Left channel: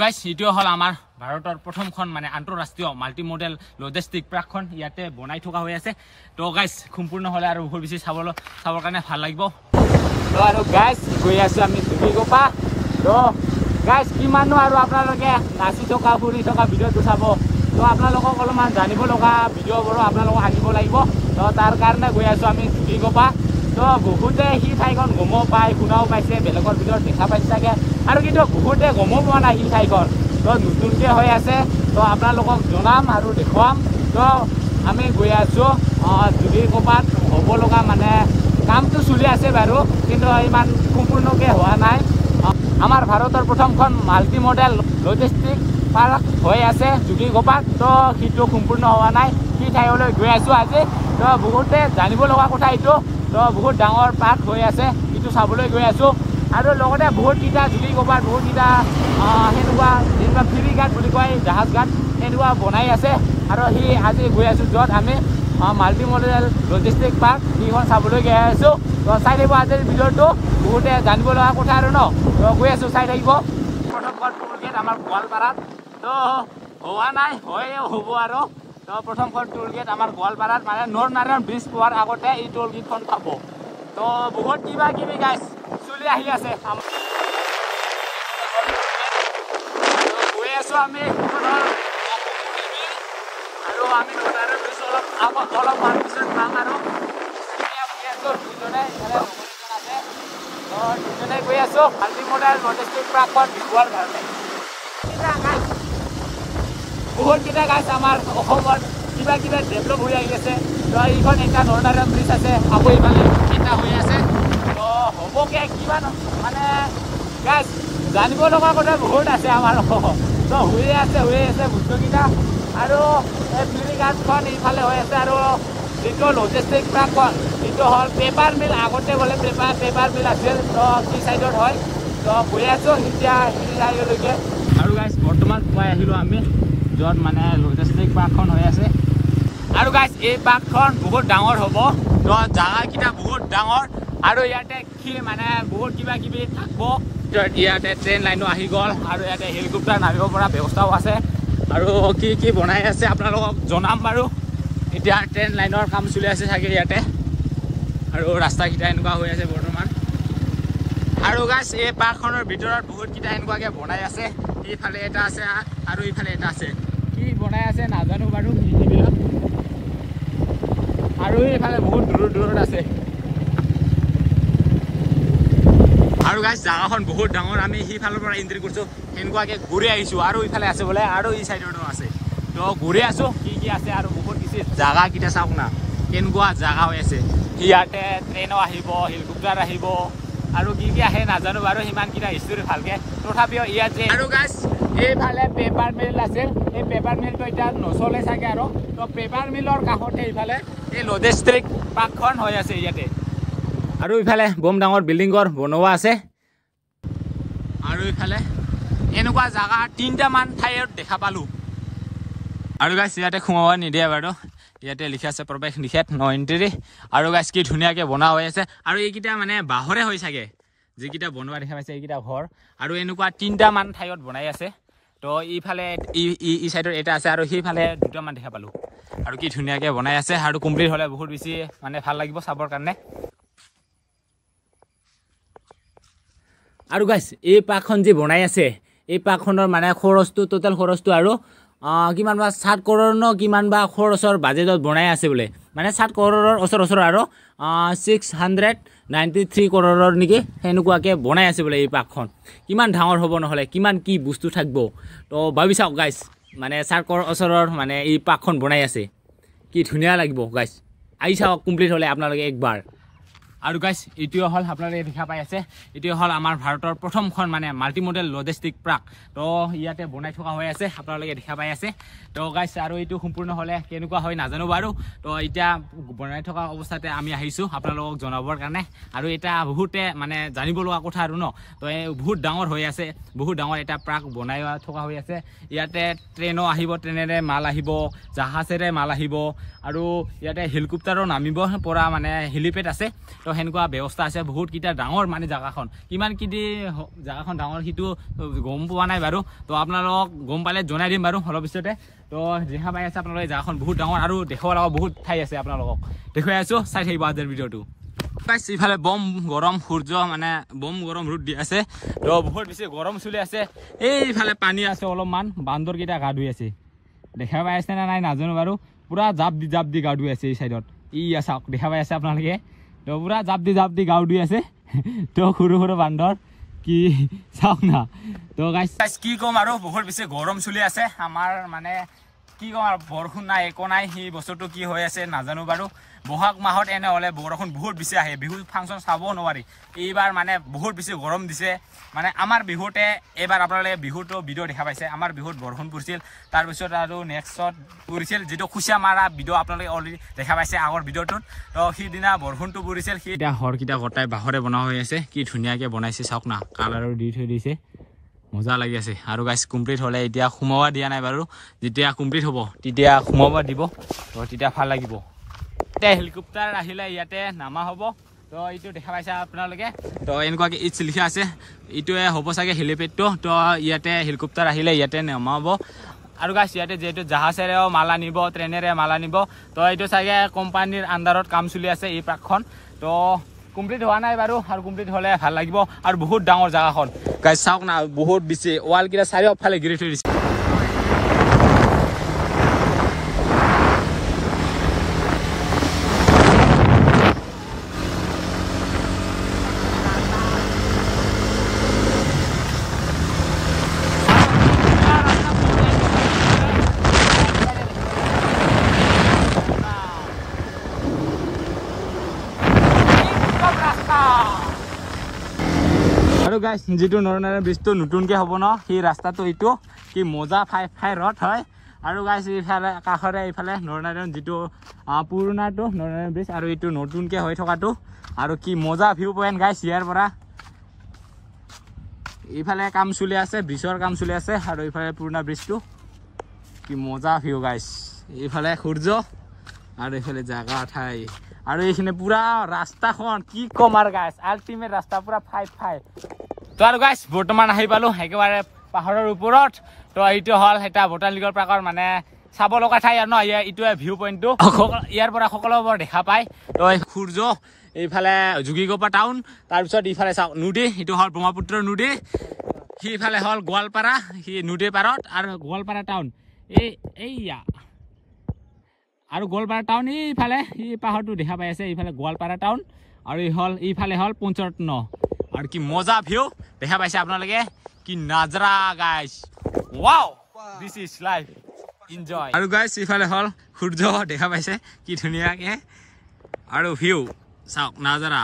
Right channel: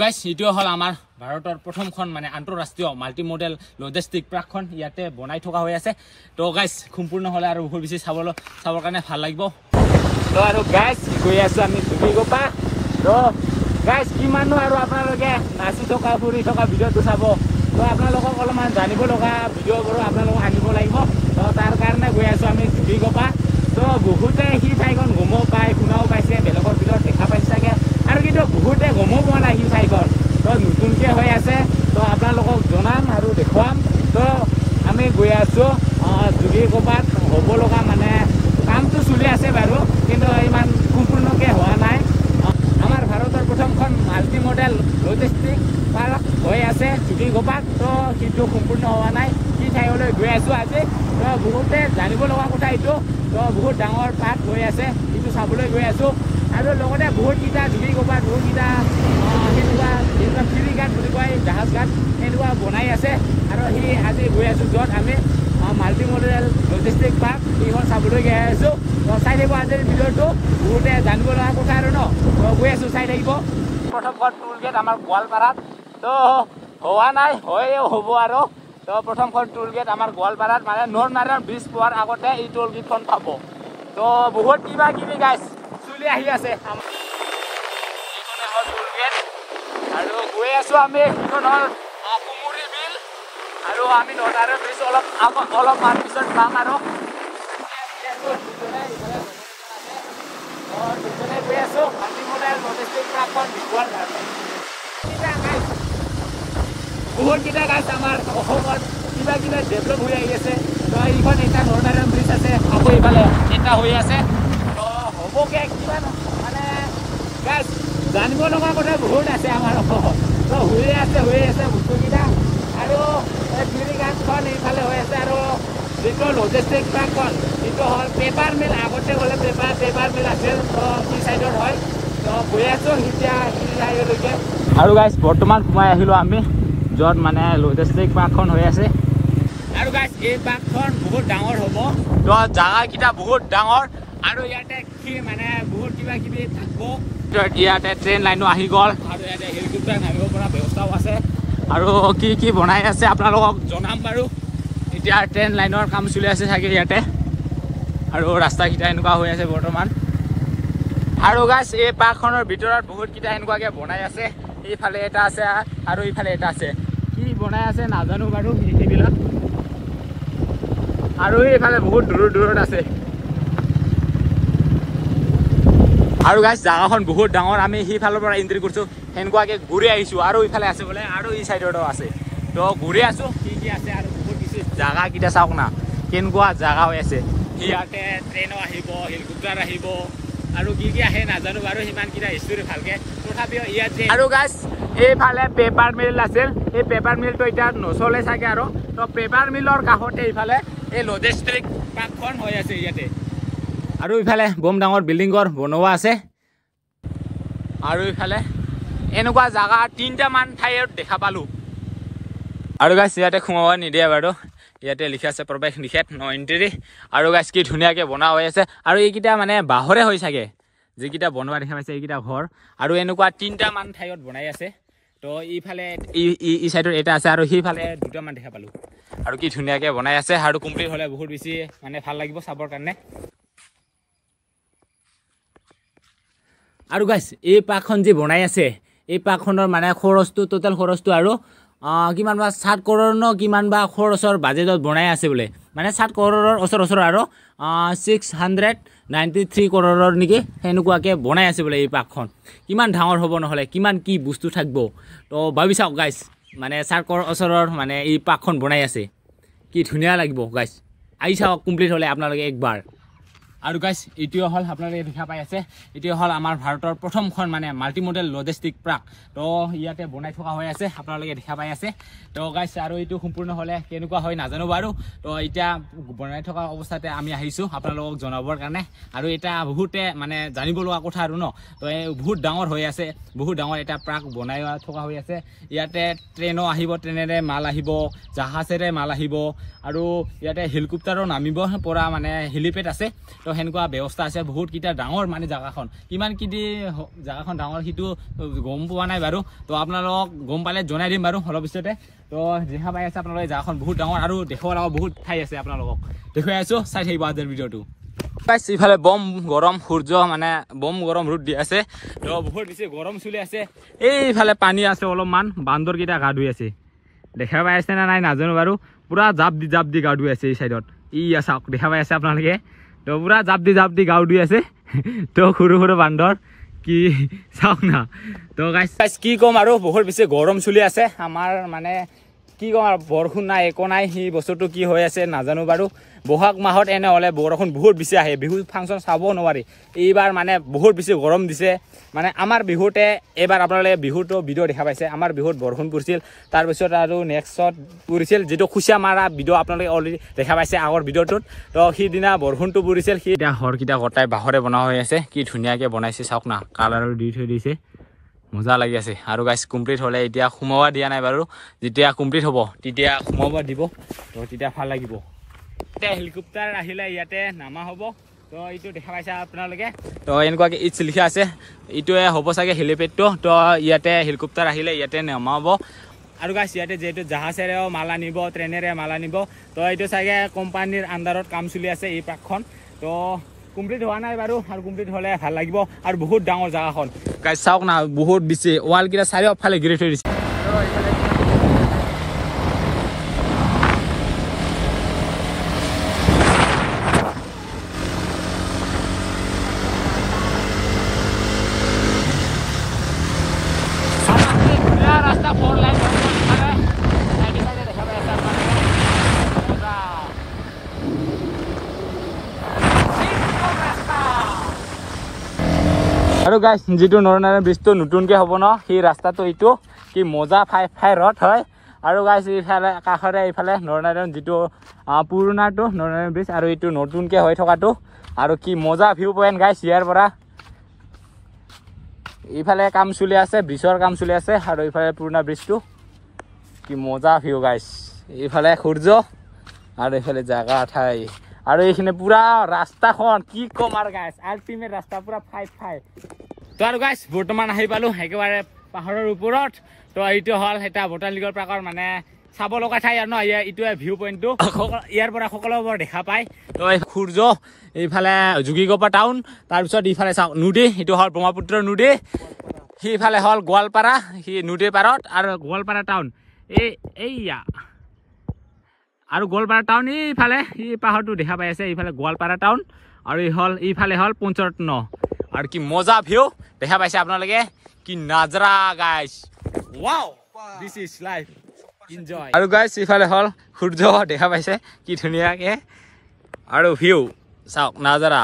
guys এটিও হল আমাৰ ভাৰতৰ প্ৰথমখন মানে আন্তঃৰাষ্ট্ৰীয় মাল্টি মডেল লজিষ্টিক পাৰ্কখন ইয়াতে বনাই থকা হৈ আছে তো গাইস সম্পূৰ্ণ হলে আৰু বহুত বেছি চাবৰ কাৰণে ভাল লাগিব তো আৰু গাইস গৈ আছো আমি ধুবুৰীগোপা তো গাইস কিমানো আৰু আপোনালোকে নাচি থকা ফুৰি থকা ভিডিঅ'টো চাব তো আপোনালোকক অলপমান জানিব লগা ভিডিঅ'বোৰ আপোনালোকক আনিব লাগিব তো তাৰ কাৰণে গৈ আছো আমি ধুবুৰীগোপা তো বহুতে সেই ঠাইখন ঘুম পায় শুনাও পাইছে বেলেগৰ ভিতৰত দেখা পাইছে চাগে আৰু কিন্তু বহুতে ঘুম পোৱা নাই সেই ঠাইখন তো নতুনকৈ হৈ আছে তো আপোনালোকক জনাম আৰু দেখুৱাম তো আমি গৈ আছো ধুবুৰীগোপাত হ'ব লগা মানে কামটো চলি আছে বাৰু কিন্তু ইমান সম্পূৰ্ণকৈ হোৱা নাই আমাৰ ভাৰতৰ প্ৰথমখন মাল্টি মডেল লজিষ্টিক পাৰ্ক হৈ আছে ধুবুৰীগোপাত তো সেইটো সম্পূৰ্ণ হোৱা নাই সেই ঠাইলৈ গৈ আছো আজি তো বহুতে জানিব লগা কথা এইটো তো বহুত ডাঙৰ পাৰ্ক হৈ আছে সেইটো চাবলৈ গৈ আছো আৰু লগতে বহুতকেইটা ধুবুৰীগোপাত বহুতকেইটা সেনেকুৱা যেনেকুৱা ফেৰী ঘাট বুলি কয় জাহাজ ঘাট সেনেকুৱা বনাই আছে আৰু সি আজি গৈ আছো য'ত আমি মাল্টি মডেল লজিষ্টিক পাৰ্ক সেইখন চাবলৈ গৈ আছো তো চাই থাকিব আজিৰ ভিডিঅ'টো বহুতে জানিব লগা কথা আৰু ন গৈ আছো চাই থাকিব প্ৰথমখন টোল গেট আমাৰ গোৱালপাৰাত তো হোৱা নাই হয়ও হ'ব আৰু তো প্ৰথমখন টোল গেট আমাৰ গোৱালপাৰাত মানে নৰনাৰায়ণ ব্ৰিজ পোৱাৰ আগতে এই টোল গেটখন পাব তো বহুত কিবা কিবি গাইছ চলি আহি আছে আৰু গৈ আছো আমি সেইখনৰ আৰু আমি নৰনাৰায়ণ ব্ৰিজ অলপমান পিছত পাম আৰু গৈ আছো মাল্টি মডেল লজিষ্টিক পাৰ্কখন বহুতকেইটা গাছ আমাৰ অসমত কিবা কিবা ডেভেলপ হৈ আহি আছে তো এইখন এটা নৰনাৰায়ণ ব্ৰিজ আছে আকৌ ইফালে এটা হৈ আছে তো হ'বকে কিমান মানে গাছ জানিব লগা কথা বহুত আছে আমাৰ অসমত তো হৈ আছে বস্তুকেইটা আৰু এই ফেৰী ঘাটখন এইফালে হৈ আছে আৰু যিটো লজিষ্টিক পাৰ্কখন এইটো হ'ল পেপাৰ মিল আগতে গ'লে পেপাৰ মিল আছিল তো সি চাইডত হয় তো গৈ আছোঁ এতিয়া সিলৈকে আৰু গাইজ বৰ্তমান সোমাই আহিলোঁ আমি য'ত মানে লজিষ্টিক পাৰ্কখন হৈ আছে আৰু গাইজ এই পাৰ্কখন বহুত ডাঙৰ হ'ব তো জাগাকেইটা বহুত ডাঙৰ আৰু ইয়াতে কি মানে বহুত কিবা কিবি থাকিব ইয়াতে ট্ৰেইন লাইনো আহি গ'ল আৰু ইয়াতে হেলিকপ্টাৰ নামিব পৰা ব্যৱস্থাও আছে আৰু কি বনাই আছে আপোনালোকক জনাম বাৰু এতিয়া ট্ৰেইন লাইনৰ কাম চলি আছে চাগে ইয়াতে আৰু ৰাস্তাকেইটা এনেকুৱা হৈ আছে বৰ্তমান আৰু গাইজ এই পাৰ্কখনৰ ভিতৰত বহুতকেইটা এনেকুৱাকৈ বনাই আছে এইফালে এটা আছে আৰু ইফালে এটা আছে কি বনাই আছে নাজানো বাৰু এইবিলাক আৰু এইফালে বহুত দূৰত আছে আৰু গাইজ জাগাখন বহুত ডাঙৰ আমি সেইফালৰ পৰা এণ্ট্ৰি কৰিছোঁ সেনেকুৱাকৈ ঘূৰি আহিছোঁ আৰু ইফালে আছে বোলে আৰু এই চাইডতো আছে তো ঘূৰি আছোঁ কি আছে আৰু বহুত বেছি জাগাকেইটা চাওক না কেনেকুৱা জাগা হৈ আছে ইয়াতে ট্ৰেইনো আহিব হেলিকপ্টাৰ আহিব আৰু কি আহে নাজানো বাৰু সিমানকেইটা হিষ্টৰী ভালকৈ তথাপিও ইয়াত যে আৰু গাইজ এইফালে পেপাৰ মিল আছিল এই পেপাৰ মিলটো এতিয়া নচলে চাগে আৰু তো পেপাৰ মিলৰ কাষতে এইফালে এই লজিষ্টিক পাৰ্কখন হৈ আছে ইয়াতে আৰু ইফালে বম ডাঙৰ বিল্ডিং ঘৰ বনোৱা আছে আৰু ইফালে এনেকুৱা জাগা 3টামান ঠাইত দেখা পালোঁ আৰু গাইজ ইয়াতে সোমাব নিদিয়ে বাৰু ইয়াতে লিখা আছে প্ৰৱেশ নিষেধ ন এণ্ট্ৰি আৰু গাইজ কি ধুনীয়াকৈ বনোৱা হৈ আছে আৰু এইকেইটা মানে বাঁহৰে হৈ চাগে যিকেইটা বনোৱা দেখা পাইছে এইকেইটা ঘৰ আৰু এনেকুৱা 3টামান ঠাইত বনাই আছে তো ইফালে ই চাইডত এটা আছে আৰু সেইফালে 2টামান দেখা পালোঁ আৰু কি ধুনীয়াকৈ বনাই আছে আৰু কমপ্লিট হ'লে বহুত বেছি মানে ভাল লাগিব চাবৰ কাৰণে আৰু গাইজ এই পাৰ্কখন যে বনাই আছে এই পাৰ্কখনৰ মানে খৰচটো টোটেল খৰচটো আৰু কিমান বা 7 কৰোৰ ন কিমান বা খৰচৰ বাজেটত বনাই আছে বোলে মানে 7 কৰোৰৰ ওচৰ আৰু 693 কৰোৰৰ নেকি সেনেকুৱাকৈ বনাই আছে বোলে এই পাৰ্কখন কিমান ডাঙৰ হ'ব নহ'লে কিমান কি বস্তু থাকিব তো ভাবি চাওক গাইজ মানে 7 কৰোৰ ওচৰৰ মানে এই পাৰ্কখন বনাই আছে কি ধুনীয়া লাগিব গাইজ আহি চাওক কমপ্লিট হ'লে আপোনালোকে একবাৰ আৰু গাইজ এইটোৱে হ'ল আপোনালোকে দেখা পাই আছে এইটোৱে হ'ল আমাৰ ভাৰতৰ প্ৰথমখন মানে মাল্টি মডেল লজিষ্টিক পাৰ্ক তো ইয়াতে বনাই থকা হৈ আছে আপোনালোকে দেখা পাই আছে তো গাইজ আৰু এইটো সম্পূৰ্ণ হ'লে কেনেকুৱা হয় নাজানো বাৰু তো এতিয়া বনাই থকা অৱস্থাতে আমি আহিছোঁ আপোনালোকক জনাবৰ কাৰণে আৰু এটা বহুতে মানে জানিব লগা কথা আৰু ন তো বহুত ডাঙৰ হৈ আছে বহুত ডাঙৰ এটা পাৰ্ক বনাই থকা হৈ আছে ইয়াতে ট্ৰেইনো আহিব ট্ৰেইনেৰে মাল আহিব জাহাজেৰে মাল আহিব আৰু ইয়াতে হেলিকপ্টাৰো নামিব পৰা মানে হেলিপেড আছে তো সেনেকুৱা ব্যৱস্থা আছে বহুত কিটা ডাঙৰ মানে জাগাখন কিমান কি জাগাখন ডাঙৰ সিটো গম পোৱা নাই বাৰু তো আপোনালোকক গম পালে জনাই দিম বাৰু অলপ পিছতে তো দেখা পাই আছে আপোনালোকে জাগাখন বহুত ডাঙৰ আৰু দেখাব লগা বহুত ঠাই আছে আপোনালোকক দেখুৱাই আছো চাই থাকিব আজিৰ ভিডিঅ'টো ইফালে বম গৰম সূৰ্য মানে বম গৰম ৰ'দ দি আছে তো বহুত বেছি গৰম চলি আছে এইফালে পানী আছে অলপমান বান্দৰ কেইটা গা ধুই আছে দেখা পাই আছে না নাই নাজানো বাৰু পুৰা জাপ দি গা ধুই আছে এই চাইডত চাওক দেখা পাই আছে আপোনালোকে তো পুৰা জাপ দি গা ধুই আছে তো সৰু বান্দৰ কি চাওক না তো গাইছ কি ক'ম আৰু বহুত বেছি গৰম চলি আছে আমাৰ মানে কি ক'ম আৰু বৰষুণ নাই একো নাই সেই বস্তুটো কি হৈ আছে নাজানো বাৰু বহাগ মাহত এনে হ'লে বৰষুণ বহুত বেছি আহে বিহু ফাংচন চাব নোৱাৰি এইবাৰ মানে বহুত বেছি গৰম দিছে মানে আমাৰ বিহুতে এইবাৰ আপোনালোকে বিহুটো ভিডিঅ' দেখা পাইছে আমাৰ বিহুত বৰষুণ পৰিছিল তাৰপিছত আৰু নেক্সটত পৰিছিল যিটো খুচিয়া মাৰা ভিডিঅ' আপোনালোকে অলৰেডি দেখা পাইছে আগৰ ভিডিঅ'টোত তো সিদিনা বৰষুণটো পৰিছিল সি এতিয়া ঘৰকেইটা গটাই বাঁহৰে বনোৱা হৈ আছে কি ধুনীয়াকৈ বনাইছে চাওক না কালাৰো দি থৈ দিছে মজা লাগি আছে আৰু গাইছ কমপ্লিট হ'লে এতিয়া সোমাব দিয়া নাই বাৰু যেতিয়া কমপ্লিট হ'ব তেতিয়া সোমাব দিব তো তেতিয়া ভাল লাগিব এতিয়া হেলিকপ্টাৰ আহিলে ইয়াতে নামা হ'ব তো এইটো দেখা পাইছে আপোনালোকে তো এনেকুৱাকৈ ইটছ লিখা আছে এইটোৱে হ'ব চাগে হেলিপেডটো তো ইয়াতে হেলিকপ্টাৰ আহিলে ইয়াতে নামা হ'ব আৰু গাইছ ইয়াতে যিহেতু জাহাজেৰেও মাল আনিব ট্ৰেইনেৰে মাল আনিব তো এইটো চাগে কোম্পানীৰ আণ্ডাৰত কাম চলি আছে এই পাৰ্কখন তো কমপ্লিট হোৱা নাই বাৰু আৰু কমপ্লিট হ'লে ভাল লাগিব আৰু বহুত ডাঙৰ জাগাখন গাইছ চাওক না বহুত দিছে ৱালকেইটা চাৰিওফালে ঘিৰি থৈ দিছে আৰু গাইছ যিটো নৰনাৰায়ণ ব্ৰিজটো নতুনকৈ হ'ব ন সেই ৰাস্তাটো এইটো কি মজা ফাই ৰথ হয় আৰু গাইছ এইফালে কাষৰে এইফালে নৰনাৰায়ণ যিটো পুৰণাটো নৰনাৰায়ণ ব্ৰিজ আৰু এইটো নতুনকৈ হৈ থকাটো আৰু কি মজা ভিউ পইণ্ট গাইছ ইয়াৰ পৰা এইফালে কাম চলি আছে ব্ৰিজৰ কাম চলি আছে আৰু এইফালে পুৰণা ব্ৰিজটো কি মজা ভিউ গাইছ এইফালে সূৰ্য আৰু এইফালে জাগা ঠাই আৰু এইখিনি পুৰা ৰাস্তাখন কি ক'ম আৰু গাইছ আল্টিমেট ৰাস্তা পুৰা ফাই তো আৰু গাইছ বৰ্তমান আহি পালোঁ একেবাৰে পাহাৰৰ ওপৰত তো এইটো হ'ল এটা বটানিকেল পাৰ্কৰ মানে চাব লগা ঠাই আৰু ন এইটোৱে ভিউ পইণ্টটো ইয়াৰ পৰা সকলোবোৰ দেখা পায় তো সূৰ্য এইফালে যোগীগোপা টাউন তাৰপিছত এইফালে চাওক নদী এইটো হ'ল ব্ৰহ্মপুত্ৰ নদী সেইফালে হ'ল গোৱালপাৰা সেই নদীৰ পাৰত আৰু গোৱালপাৰা টাউন এইয়া আৰু গোৱালপাৰা টাউন এইফালে এই পাহাৰটো দেখা পাই আছে এইফালে গোৱালপাৰা টাউন আৰু এইফালে হ'ল পঞ্চৰত্ন আৰু কি মজা ভিউ দেখা পাইছে আপোনালোকে কি নাজৰা গাইছ wow this is life enjoy আৰু গাইছ এইফালে হ'ল সূৰ্য দেখা পাইছে কি ধুনীয়াকৈ আৰু ভিউ চাওক নাজাৰা